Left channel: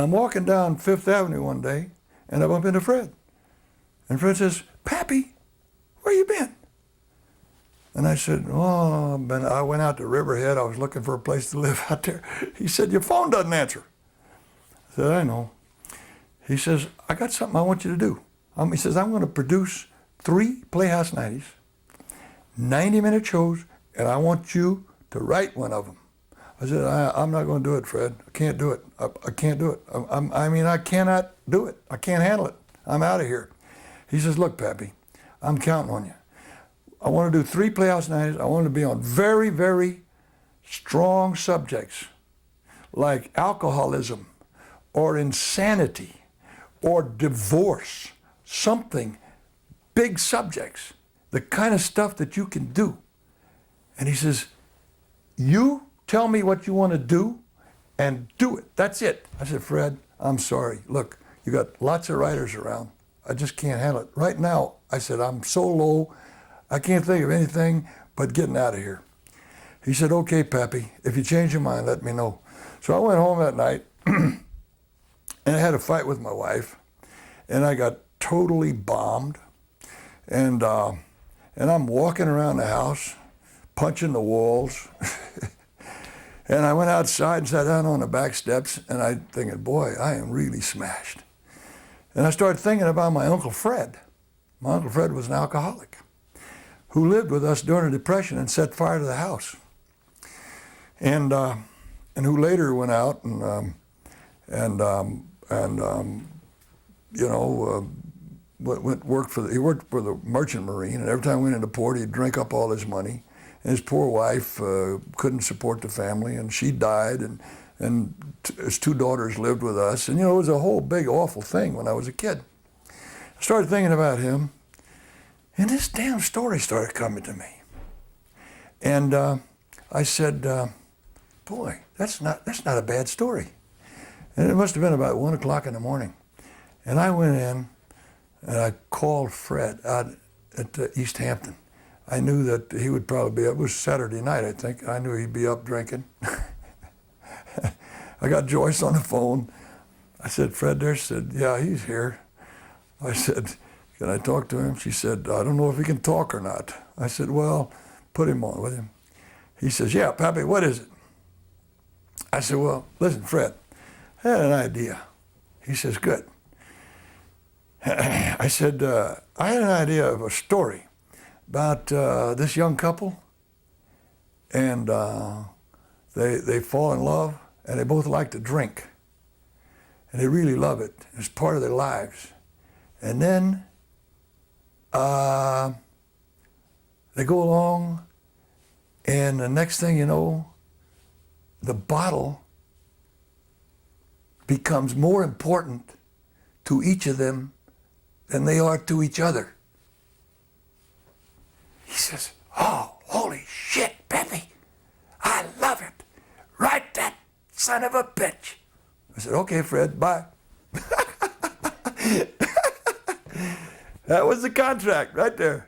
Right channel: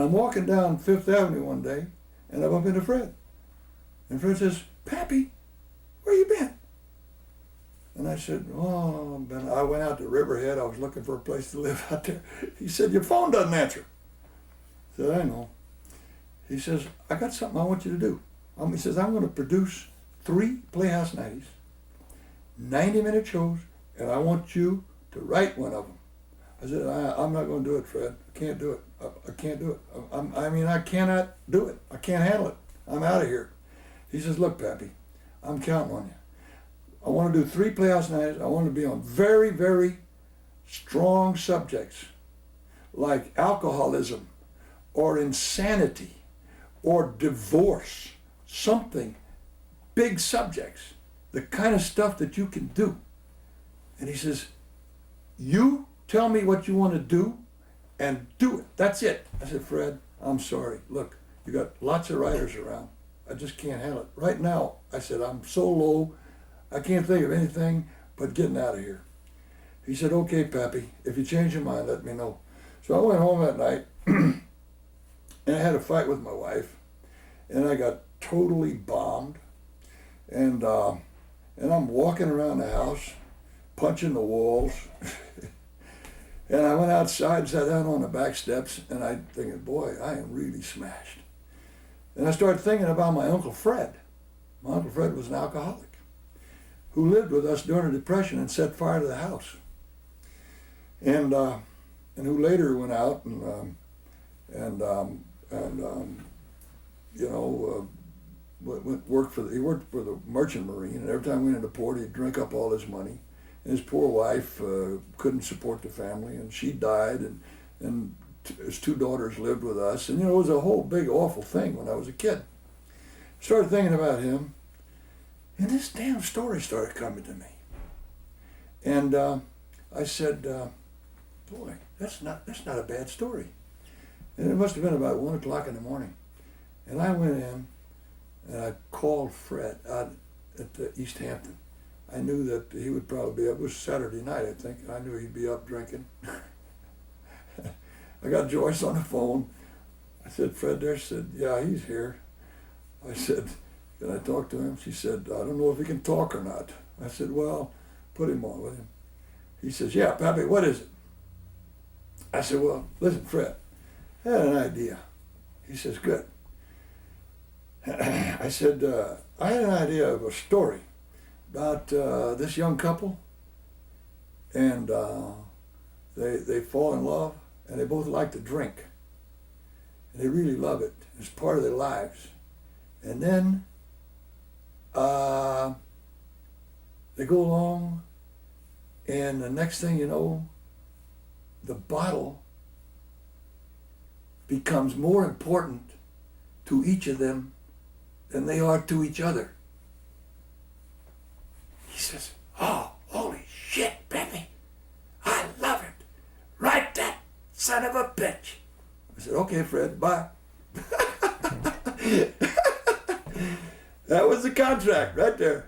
And I'm walking down Fifth Avenue one day, and I bump into Fred. And Fred says, "Pappy, where you been?" And I said, "Oh, I went out to Riverhead. I was looking for a place to live out there." He said, "Your phone doesn't answer." I said, "I know." He says, "I got something I want you to do." He says, "I'm going to produce 3 Playhouse 90s, 90-minute shows, and I want you to write one of them." I said, I'm not going to do it, Fred. I can't do it. I can't do it. I cannot do it. I can't handle it. I'm out of here. He says, "Look, Pappy, I'm counting on you. I want to do 3 Playhouse 90s. I want to be on very, very strong subjects like alcoholism or insanity or divorce, something, big subjects, the kind of stuff that you can do." And he says, "You tell me what you want to do and do it. That's it." I said, "Fred, I'm sorry. Look, you got lots of writers around. I just can't handle it. Right now," I said, "I'm so low, I can't think of anything but getting out of here." He said, "Okay, Pappy, if you change your mind, let me know." So I went home that night and I had a fight with my wife, and I got totally bombed. And I'm walking around the house, punching the walls. And I went outside and sat down on the back steps, and I thinking, boy, I am really smashed. And I started thinking about my Uncle Fred. My Uncle Fred was an alcoholic who lived with us during the Depression and set fire to the house. And who later went out and worked for the Merchant Marine, and every time we went into port, he'd drink up all his money. And his poor wife couldn't support the family, and she died, and his 2 daughters lived with us. And, it was a whole big, awful thing when I was a kid. I started thinking about him, and this damn story started coming to me. And I said, boy, that's not a bad story. And it must have been about 1 o'clock in the morning. And I went in, and I called Fred out at East Hampton. I knew that he would probably be up. It was Saturday night, I think. I knew he'd be up drinking. I got Joyce on the phone. I said, "Fred there?" She said, "Yeah, he's here." I said, "Can I talk to him?" She said, "I don't know if he can talk or not." I said, "Well, put him on with him." He says, "Yeah, Pappy, what is it?" I said, "Well, listen, Fred, I had an idea." He says, "Good." I said, "I had an idea of a story about this young couple, and they fall in love, and they both like to drink, and they really love it. It's part of their lives. And then they go along, and the next thing you know, the bottle becomes more important to each of them than they are to each other." He says, "Oh, holy shit, Pappy. I love it. Write that son of a bitch." I said, "Okay, Fred, bye." That was the contract right there.